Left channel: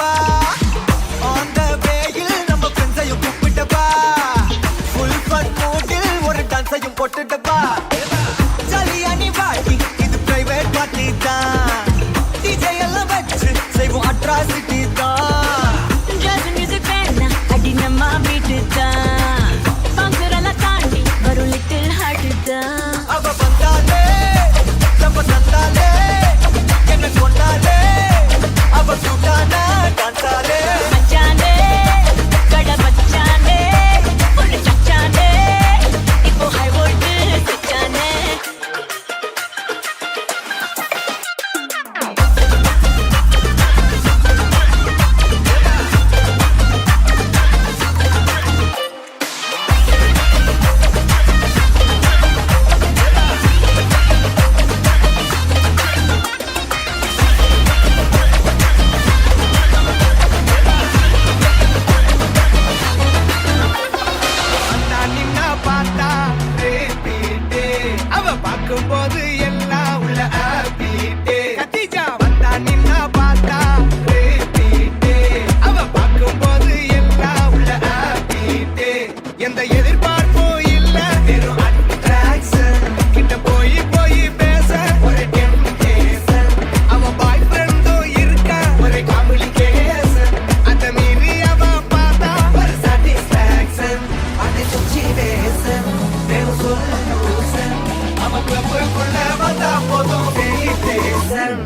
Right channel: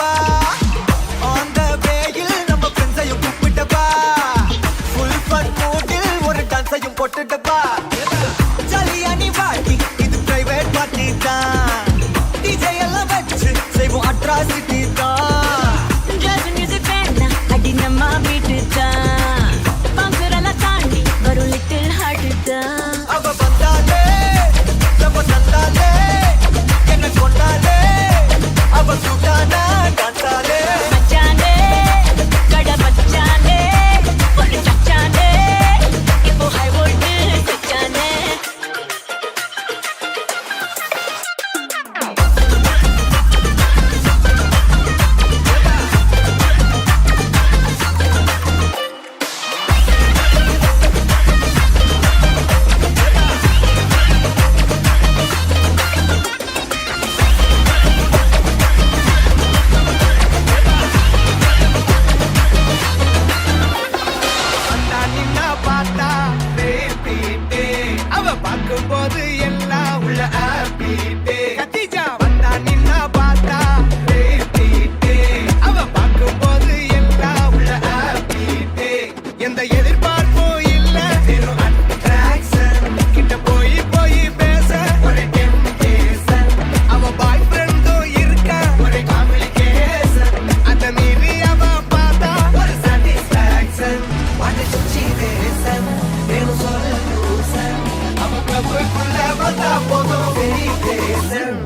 வா on the வேயில் நம்ம ஃப்ரெண்ட்ஸையும் கூப்பிட்டவா full fun மூடில் ஒரு டான்ஸையும் போட்டுட்டவா ஜாலியா நீ வாடி இது பிரைவேட் பார்ட்டி தான் டிஜே எல்லாம் வச்சு செய்வோம் அட்ராசிட்டி தான் ஜாஸ் மியூசிக் வேணா அடி நம்ம வீட்டு தான் பாங்குறலாம் தாண்டி வரும் லிட்டில் ஹார்ட் தான் அவ வந்தாலே நம்ம தந்தாலே என்ன கொண்டாலே அவ சுட்டானா டான்ஸாலே மச்சானே கட மச்சானே ஒரு சச்சானே இப்போ ஹை வோல்ட் சச்சானே வந்தா நின்னா பார்த்தா repeat. அவ பார்க்கும்போது எல்லாம் உள்ள happy. கத்திஜா வந்தா நின்னா பார்த்தா repeat. அவ பார்க்கும்போது எல்லாம் உள்ள happy. எந்த எதிர்பார்ப்பும் இல்ல வெறும் attraction. கிட்ட போய் போய் பேச ஒரு temptation. அவ பாய் ஃப்ரெண்டும் இருக்கா ஒரு complication. அத மீறி அவ பார்த்தா ஒரு satisfaction. வாடி சுச்சினேசன் வேணும் சொல்யூஷன். அவ கிளப்புக்குள்ள வந்தா போதும் celebration.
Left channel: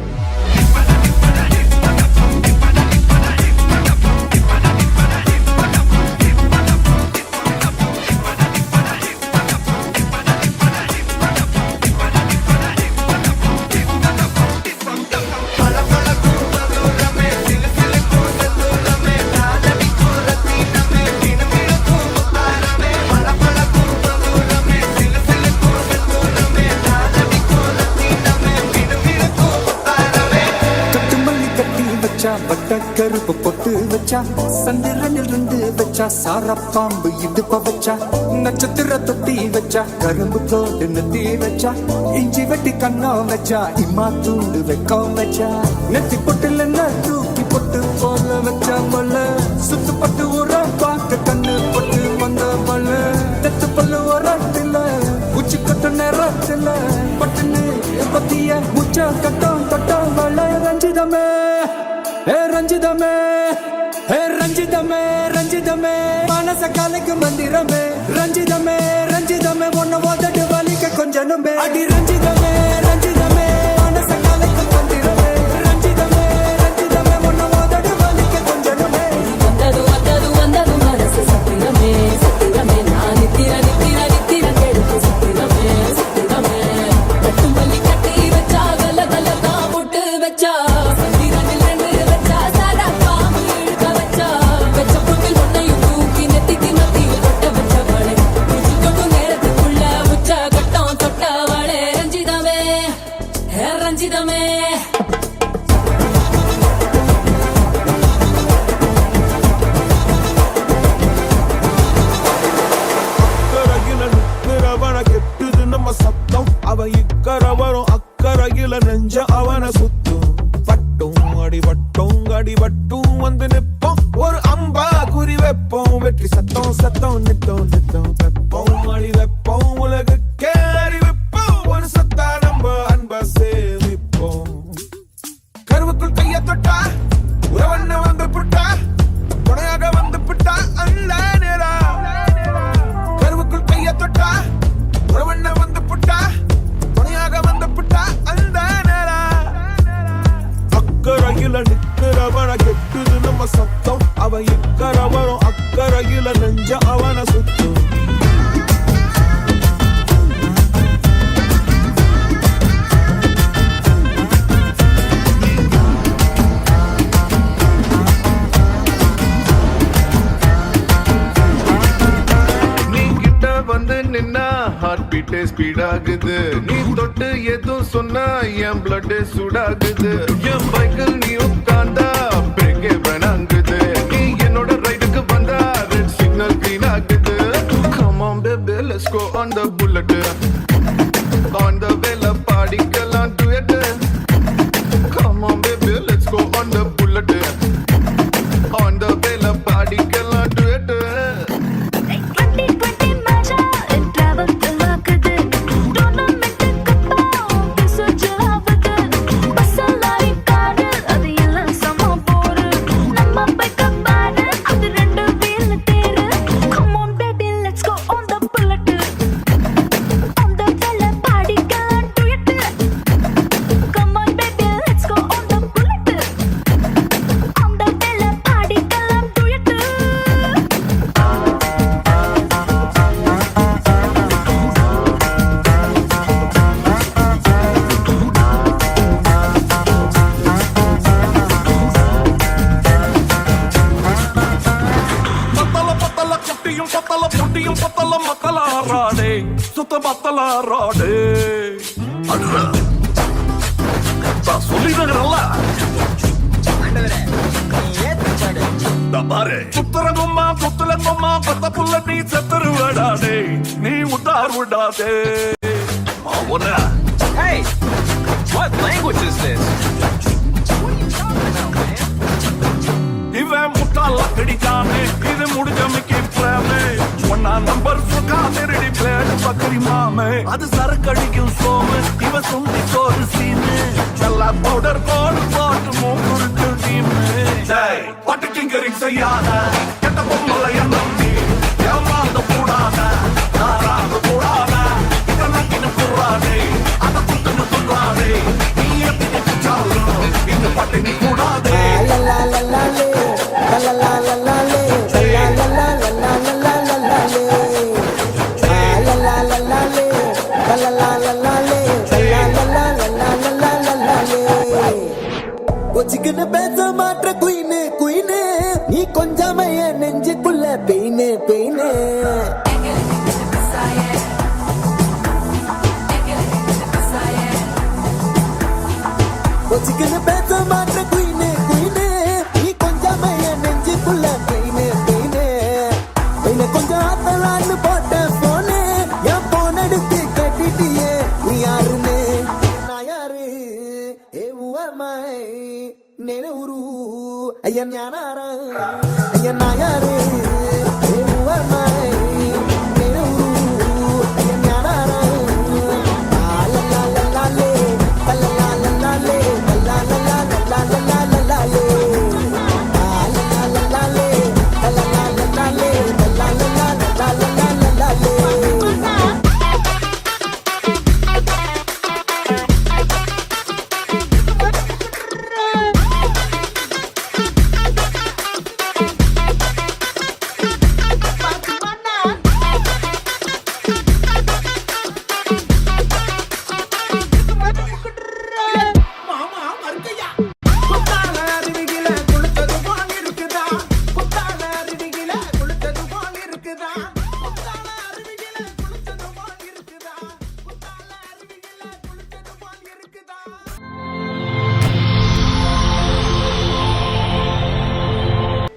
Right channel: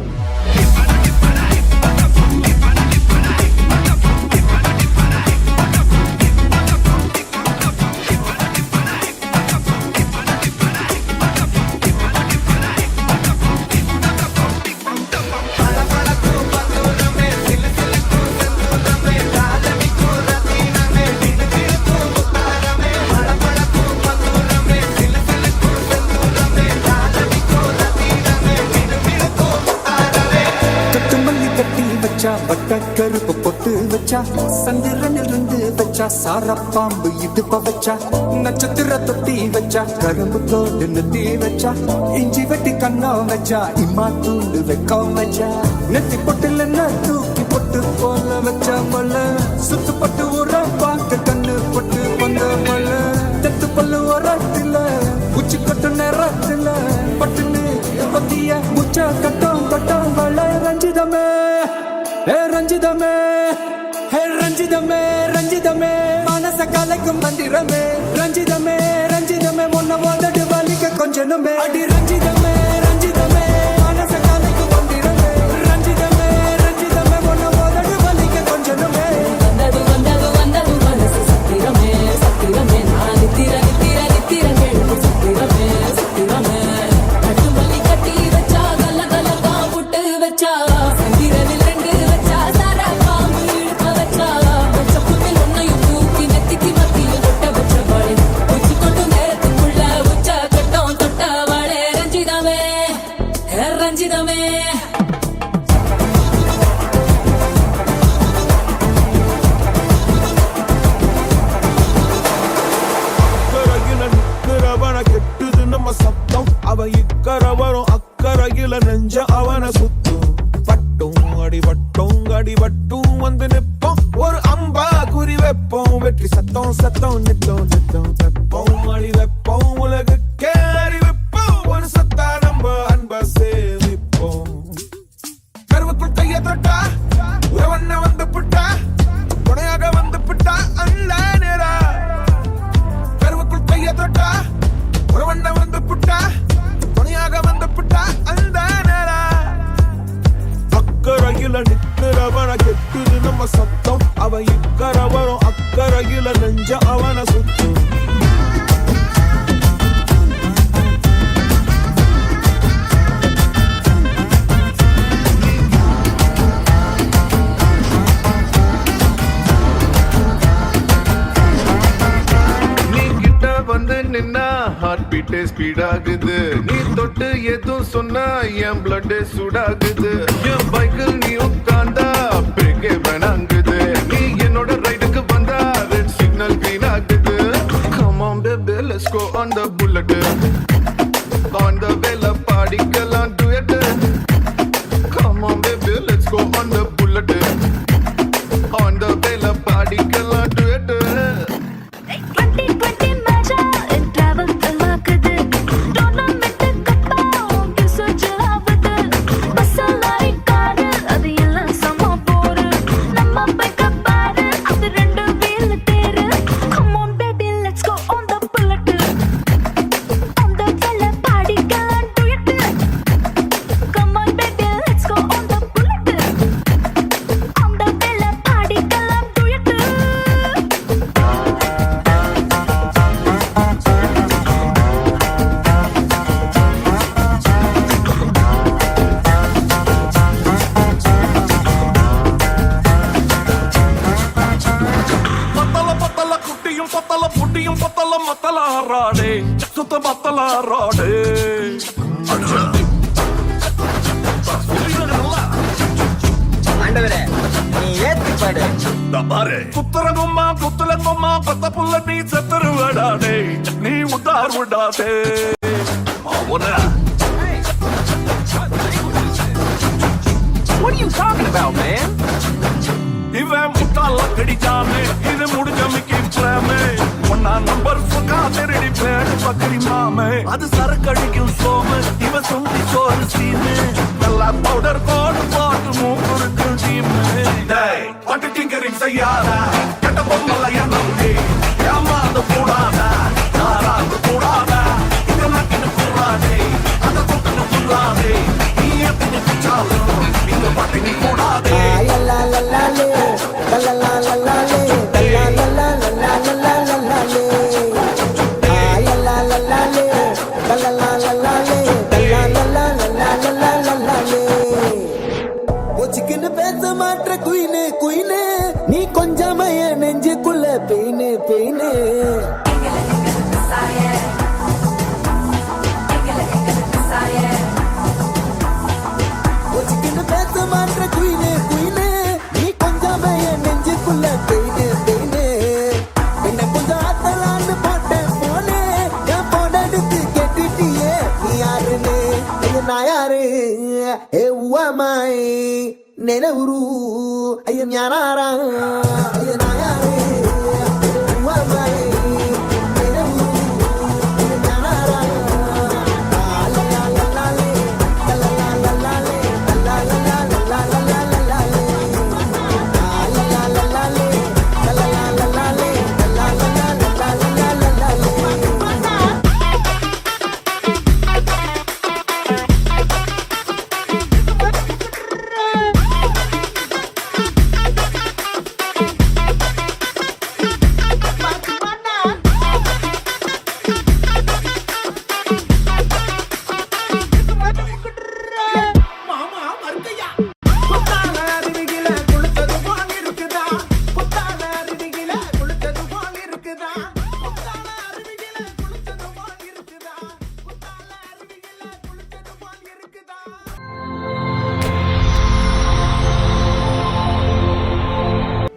கட்டு மல்லி கட்டி வச்சா வட்ட கருப்பு பொட்டு வச்சா சந்திரனில் இருந்து வச்சா சார பாம்பு இடுப்ப வச்சா நட்சத்திர தொட்டி வச்சா கரும்பு தோடு நெத்தி வச்சா இஞ்சி வெட்டி கண்ணம் வச்சா இம்மா தூண்டு வெக்கம் வச்சா நெத்தி பொட்டுல தூக்கி பொட்டு போல வச்சா மல்ல சுத்து பட்டு உர பாக்க கண்ணு பொட்டு வந்த மல்ல தெத்து பல்லு உரத்துல உச்சி கட்டு நேரத்துல பட்டுன்னு பத்திய முச்ச கட்டம் கட்டம் வள ரஞ்சிதமே ஏ ரஞ்சிதமே ஏ ரஞ்சிதமே ரஞ்சிதமே மனச கலைக்கும் மந்திரமே ரஞ்சிதமே ரஞ்சிதமே உன்னை மொத்தடி வலிக்க கொஞ்சனுமே அடி ரஞ்சிதமே ரஞ்சிதமே மனச கலைக்கும் மந்திரமே ரஞ்சிதமே ரஞ்சிதமே உன்னை மொத்தடி வலிக்க கொஞ்சனுமே வந்தது வந்தது வந்தது மனசு சத்திரமே சத்திரமே நான் நித்திர நித்திர நித்திர கேள்வி சத்திரமே சத்திரமே கட்டு மல்லி கட்டி வச்சா கல கல தான் போட்டு வச்சா சந்திரனில் ரெண்டு வச்சா சாரா பாம்பு இழுக்க வச்சா வச்ச புண்ணில் ஒன்னையும் தூக்கி நெத்திக்கு நத்தியில் தொட்ட வச்ச வாழை உச்சி தொட்டு நேரத்துக்குள்ள உச்ச கட்டம் தொட்ட வாழை ரஞ்சிதமே ரஞ்சிதமே அக்கறையில நிக்கிறவன கெட்டுது நம்ம சத்தம் அவ இக்கரை வரும் அக்கறையில நெஞ்ச அவன சுத்தும் பட்டும் அடிபட்டும் வந்து நிப்போம் ஒரு அம்பா குறி வைப்போம் வெற்றி சத்தம் சத்தம் நித்தம் நித்தம் வெப்போம் அடி வைப்போம் உலகுக்கே அறிவிப்போம் ஒரு சத்தா நம்ம அன்ப சேமிப்போம் கருவுக்குள் கைய தொட்டா உறவண்ண வந்து புட்டா துணையாக வந்து புட்டா அல்ல நேரா கருவுக்குள் கைய தொட்டா உறவண்ண வந்து புட்டா துணையாக வந்து புட்டா அந்த நேரா அக்கறையில நிக்கிறவன கெட்டுது நம்ம சத்தம் அவ இக்கரை வரும் அக்கறையில நெஞ்ச அவன சுத்தும் வந்து நின்னா ஹார்ட் பீட்டே ஸ்பீட் ஆகுது நீ தொட்டு எதுவும் சொன்னா என் பிளட் சூடாகுது என் பைக்கில் நீ உட்கார்ந்தா பிரேக்கே வேணாங்குது நீ என்னோட ரைடுக்கு வந்தா ரெட் சிக்னல் கிரீன் ஆகுது come on baby let's go on the bullet on the வேல பாடிக்கலாம் duet come on baby let's go on the bullet முடியும் பத்தலாம் மத்தலாராடே சுத்த மத்தலாராடே சொல்லிடுறல ஆண்டவரே நீ ஏத்தி பாடு பாரு புத்தரங்கம்மா புத்தலங்கம்மா பத்த புள்ள நீ செத்துருவடாடே நீ உட்டார் விடாதே அவன Hey, what language is this? What are you talking about, man? இவன் முட்டாள கடிச்சானே இது முடிஞ்ச மிக்கி பிரேமே ஒன்னா நம்பர் சுகா திருடி பிளேடு பக்கரி மாமே அது சரக்கடிக்கும் சோமு இவன் சுண்டி சோறு சீனு நல்லா பவுடர் கோடு போட்டு மூக்குறிக்கும் டீமு பட்டு டிங்கரிங் செய்யாத கெட்ட பொம்மல எண்ணி ஏமாந்து கூடாத நாராந்து கூடாத இங்க நக்கிட்டு கூடாதே அதை குட்டுன்னு துள்ளாதே நீ ஏத்திட்டு பிச்சாலும் இங்க பட்டினி கூடாதே நீ கொஞ்சமே நெஞ்சுக்குள்ள பெயினே பெயினே ನೆನವರು ಅಯ್ಯ ಜ್ಞಾನಾರ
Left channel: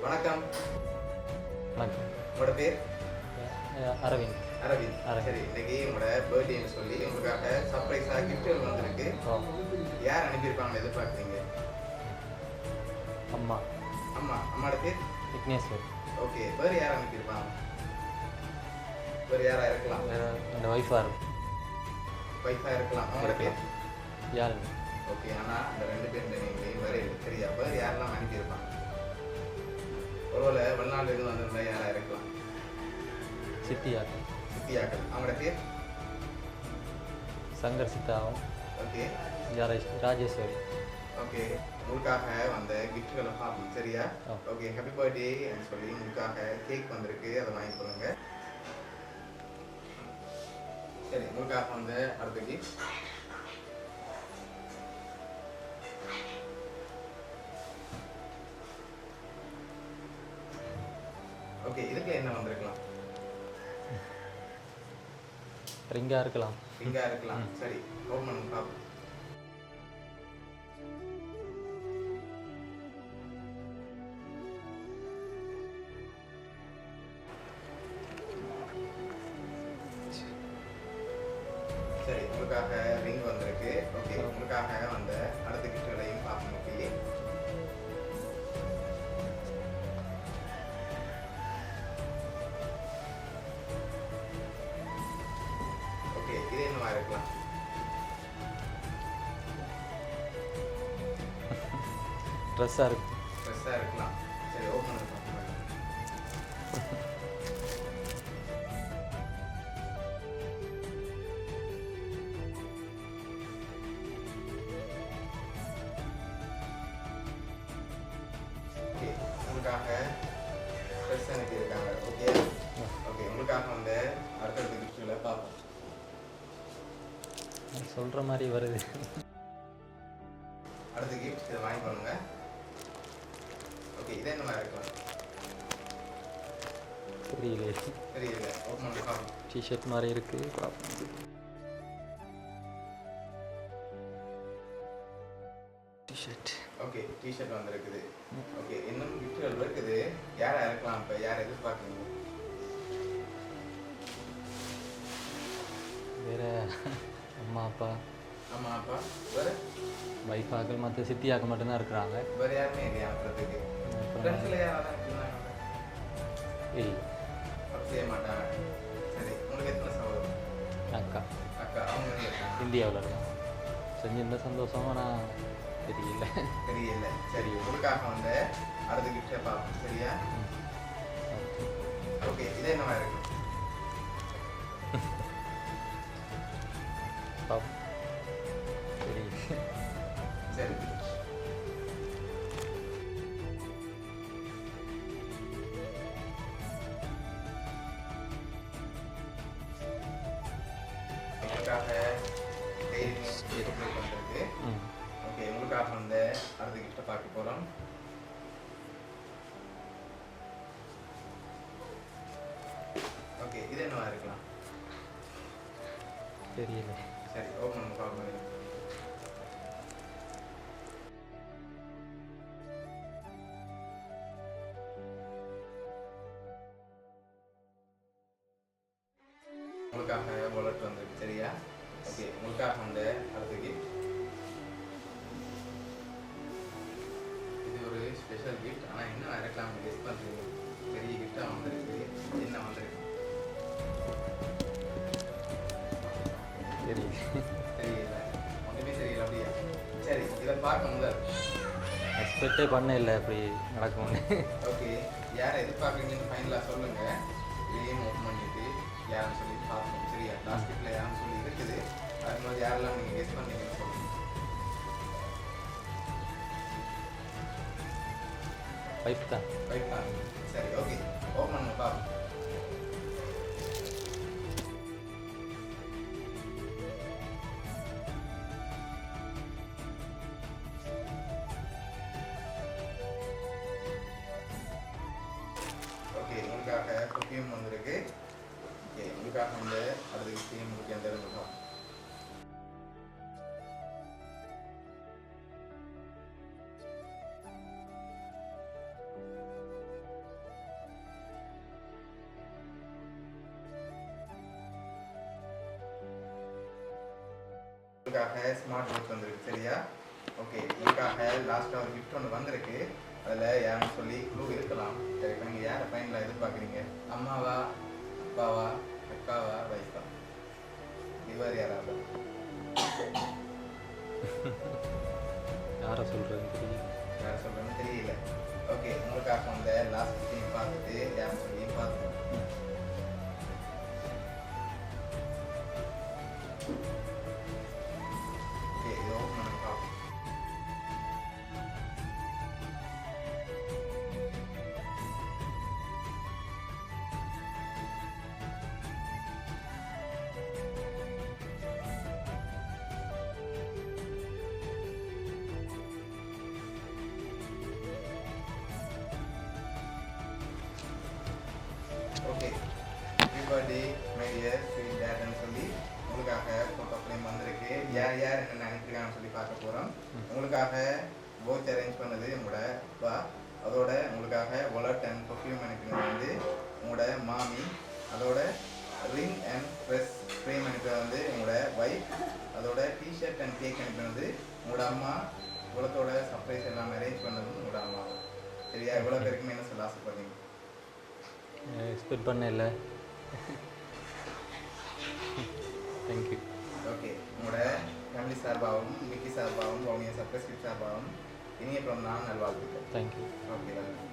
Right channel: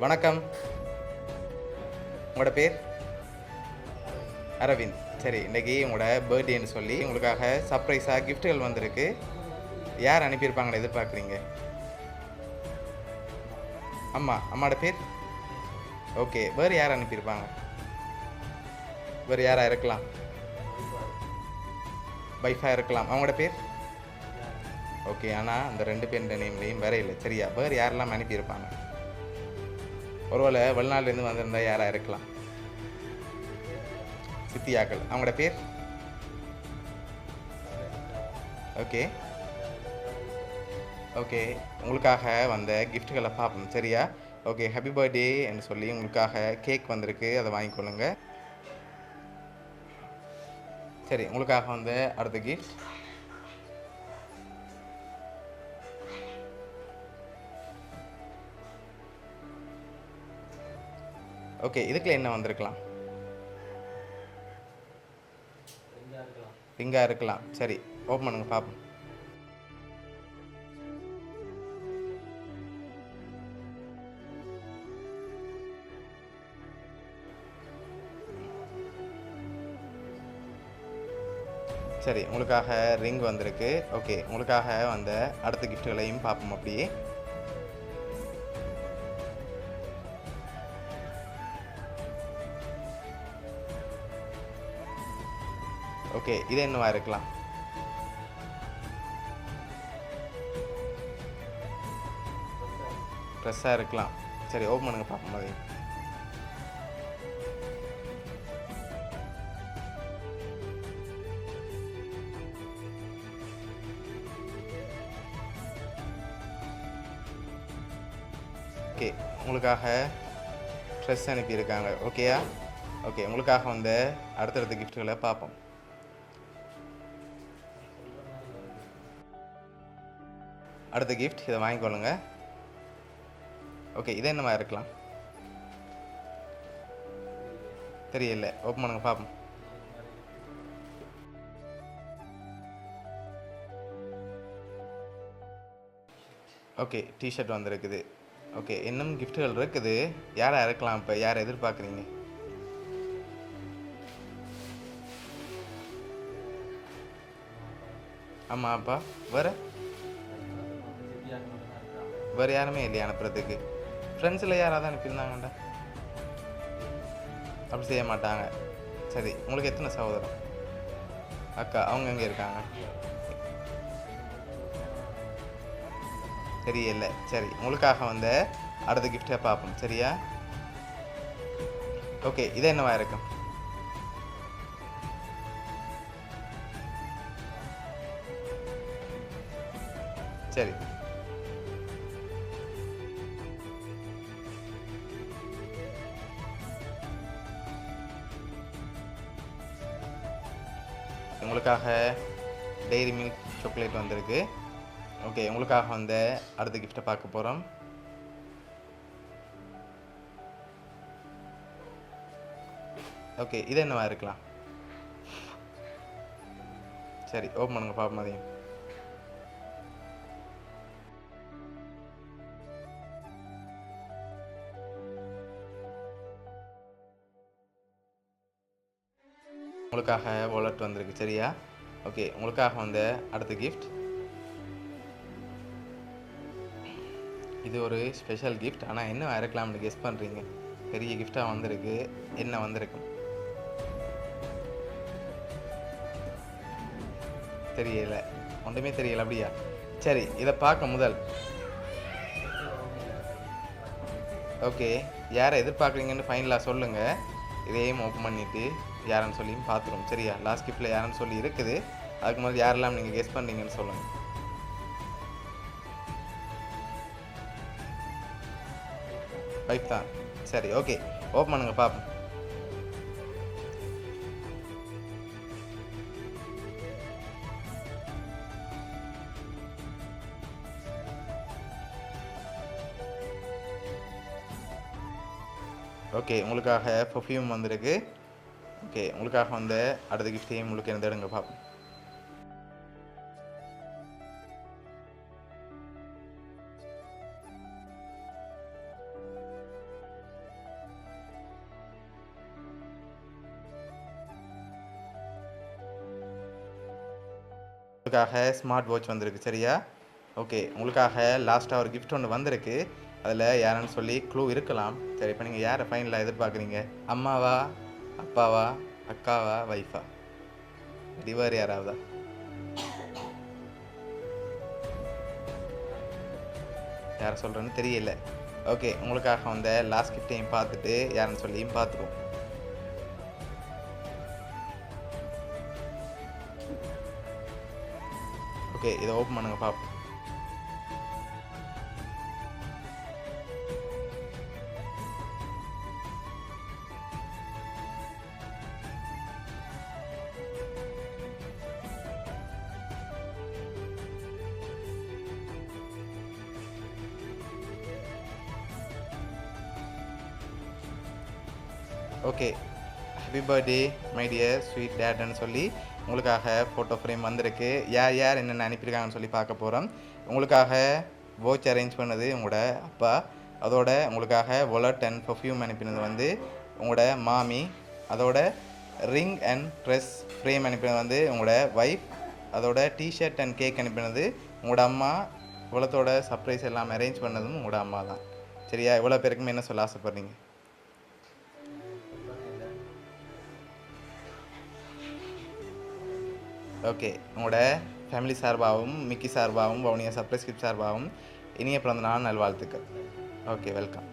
வணக்கம். உங்களோட பேர்? அரவிந்த். அரவிந்த். சரி, இன்னைக்கு உங்களோட பர்த்டேன்னு சொல்லி உங்களுக்காக சர்ப்ரைஸாக கிஃப்ட்டுகள் வந்திருக்கு. யார் அனுப்பியிருப்பாங்கன்னு எதிர்பார்க்குறீங்க? அம்மா. அம்மாவோட பேர்? விக்னேஸ்வர். ஓகே, வேறு யார் அனுப்பியிருப்பாங்க? வேறு யாராக இருக்கலாம்? இந்த ஒய்ஃபாக இருக்கும். ஒய்ஃபாக இருக்கலாம். அவங்களோட பேர்? யார்? ஓகே, ஆனால் அந்த 2 பேர் நேம்லேயும் வேற இல்லை. சரியா? வேறு யாரெல்லாம் அனுப்பியிருப்பாங்க? ஒருவேளை வெளிநாட்டிலேருந்து வந்திருந்தா யாராக இருக்கலாம்? சித்தியாக்கள். அவங்களோட பேர்? சங்கர் சித்தா. ஓகே. ராஜேஸ்வரி. ஓகே, உங்களுக்காக வந்த கிஃப்ட்டுகளை பார்ப்போம். சரியா? ஓகே, ஹாப்பி பர்த்டேன்னு சொல்லி உங்களுக்காக கேக் வந்திருக்கு, அதை வாங்கிக்கொள்ளுங்க. சரி, உங்களுக்காக வந்த அடுத்த கிஃப்ட் ஓகே, இதுக்குள்ள என்ன வந்திருக்கலாம்? ரிங்கா இருக்கலாம். ரிங்கா இருக்கலாம். சரி, ஓப்பன் பண்ணுங்க பார்ப்போம். சரி, உங்களுக்காக ரிங் வந்திருக்கு. ஓகே, உங்களுக்காக வந்த அடுத்த கிஃப்ட்டுகளையும் பார்ப்போம் அப்படியே. ஓகே, இது என்னவா இருக்கலாம்? ட்ரெஸ்ஸாக இருக்கலாம். சரி, ஓப்பன் பண்ணுங்க பார்க்கும்போது. ஓகே, உங்களுக்காக ட்ரெஸ் அனுப்பியிருக்காங்க. ஓகேயா? ஓகே, உங்களுக்காக வந்து அடுத்தடுத்த கிஃப்ட்டுகளை பார்ப்போம். சொல்கிற மாதிரி வருது. அடுத்த கிஃப்ட், இதை வாங்கிக்கொள்ளுங்க. ஓகே, இது என்னவா இருக்கலாம்? தெரியல. தெரியல. ஓப்பன் பண்ணுங்க பார்ப்போம். டிஷர்ட் மாதிரி இருக்குது. டிஷர்ட். ஓகே, டிஷர்ட் வந்திருக்குது. ஓகே, இன்னும் கிஃப்ட்டுகள் இருக்குது. யாரை இறக்கலாம்? இப்போ யாரை எதிர்பார்க்குறீங்க? வேறு அம்மா அப்பா அம்மா அப்பா வேறு வைஃபாக்கள் மற்ற சித்தியாக்கள் மட்டும்தான் இருக்கிறாங்க. வேறு யாருமே இல்லையா அனுப்புறதுக்கு? ஃப்ரெண்ட்ஸில் யாராவது அனுப்பியிருந்தாங்கடா? இல்லை. அப்படி செய்ய மாட்டாங்க. சரி, உங்களுக்கு எத்தனை சகோதரன்? அக்கா அக்கா. அவங்க எங்கே இருக்காங்க? இந்தியாவில் இருக்காங்க. செஞ்சிருந்த சந்தோஷம். ஆனால் தெரியல. தெரியல. சரி, உங்களுக்காக வந்து அடுத்த கிஃப்டை பார்ப்போம். சரியா? ஓகே, இது என்னவா இருக்கும்? சரி, உங்களுக்காக டெய்ரி மில்க் சாக்லேட் வந்திருக்கு. ஓகே, உங்களுக்காக வந்து அடுத்த கிஃப்டை பார்க்க போகிறோம். ஓகே, இது என்னவா இருக்கலாம்? தெரியல. சரி, ஓப்பன் பண்ணுங்க பார்ப்போம். அதையும் உங்களுக்காக வாலெட் வந்திருக்கு. சரியா? ஓகே, உங்களுக்காக வந்து அடுத்த கிஃப்ட். இது ஒரு ஸ்பெஷல் கிஃப்ட். ஆனால் என்ன இருக்கலாம்னு கெஸ் பண்ணுறீங்க? பெரிய கிஃப்டாக வந்திருக்கு. என்ன வந்திருக்கு? தெரியல. ஒன்றுமே தெரியல. அப்படியா? சரி, இதை பார்க்க முதல் எக்ஸ்பெக்டே பண்ண இல்லை அப்படி நடக்கும்னு. ஓகே, யாரை எதிர்பார்க்குறீங்கன்னு ஃபைனலாக சொல்லுங்கள். இதையும் ஓப்பன் பண்ணிவிட்டு யாருன்னு சொல்லி பார்த்துருவோம். சரியா? லாஸ்ட் கிஃப்டில் யாருன்னு சொல்லி இருக்குது. அதுக்கு முதல்ல யாரெல்லாம் நீங்கள் கெஸ் பண்ணீங்கன்னு சொல்லுங்கள். வைஃப் தான். சரி, ஓகே, ஓப்பன் பண்ணுங்க பார்ப்போம். ஓகே, உங்களுக்காக பர்ஃப்யூம் வந்திருக்கு. ஓகே, உங்களுக்காக வந்து அடுத்த கிஃப்டையும் உங்களுக்கு எந்த எடுங்க பார்ப்போம். உங்களுக்காக ஸ்மார்ட் வாட்ச் வந்திருக்கு. சரியா? ஓகே, உங்களுக்காக லாஸ்ட்டாக ஒரு கிஃப்ட் ஒன்று வந்திருக்கு. அதில் யாருன்னு சொல்லி க்ளூ இருக்கலாம். சரி, இப்போ நீங்கள் யாரை ஃபைனலாக எதிர்பார்க்குறீங்க? அம்மாவா, அப்பாவா, அக்காவா, வைஃபா? டிவர் யாராவதா? யாரை சொல்கிறேன்னு தெரியல. ஓகே, உங்களுக்காக வந்து லாஸ்ட் கிஃப்டையும் பார்த்துட்டு யாருன்னு சொல்லியும் பார்த்துப்போம். ஓகே, இதை ஓப்பன் பண்ணுங்க பார்ப்போம். Okay, happy birthday my dear sweet டேட்னு சொல்லி உங்களுக்காக ஃபோட்டோ ஃப்ரேம் வந்திருக்கு. யார் யார் என்னென்ன அனுப்பியிருக்காங்கன்னு சொல்லி பார்க்க போகிறோம். உங்களுக்காக வாட்ச் அரேஞ்ச் பண்ணது உங்களோட அப்பா. அதோட உங்களுக்காக வாலெட் அண்ட் பர்ஃப்யூம் அனுப்பினது வந்து உங்களோட மாமி. அதோட ரிங் அண்ட் ட்ரெஸ் ஃப்ரேம் அனுப்பினது வந்து உங்களோட ஒய்ஃப். அதோட டிஷர்ட் அண்ட் கேக் அனுப்பினது உங்களோட அம்மா. இவ்வளோத்தோட சர்ப்ரைஸ் எல்லாம் அரேஞ்ச் பண்ணதும் உங்களோட அம்மா தான். சரியா? இவ்வளோ பேருக்குமே என்ன சொல்ல ஆசைப்பட்றீங்க? எக்ஸ்பெக்ட் பண்ண இல்லை. தேங்க்யூ. ஓகே, உங்களோட ஃபேமிலி சார்பாகவும் மிக்கி சார்பாகவும் வவுனியா சர்ப்ரைஸ் கிஃப்ட் சார்பாகவும் இனிய பிறந்த நாள் நல்வாழ்த்துக்கள். தேங்க்யூ. Okay, welcome.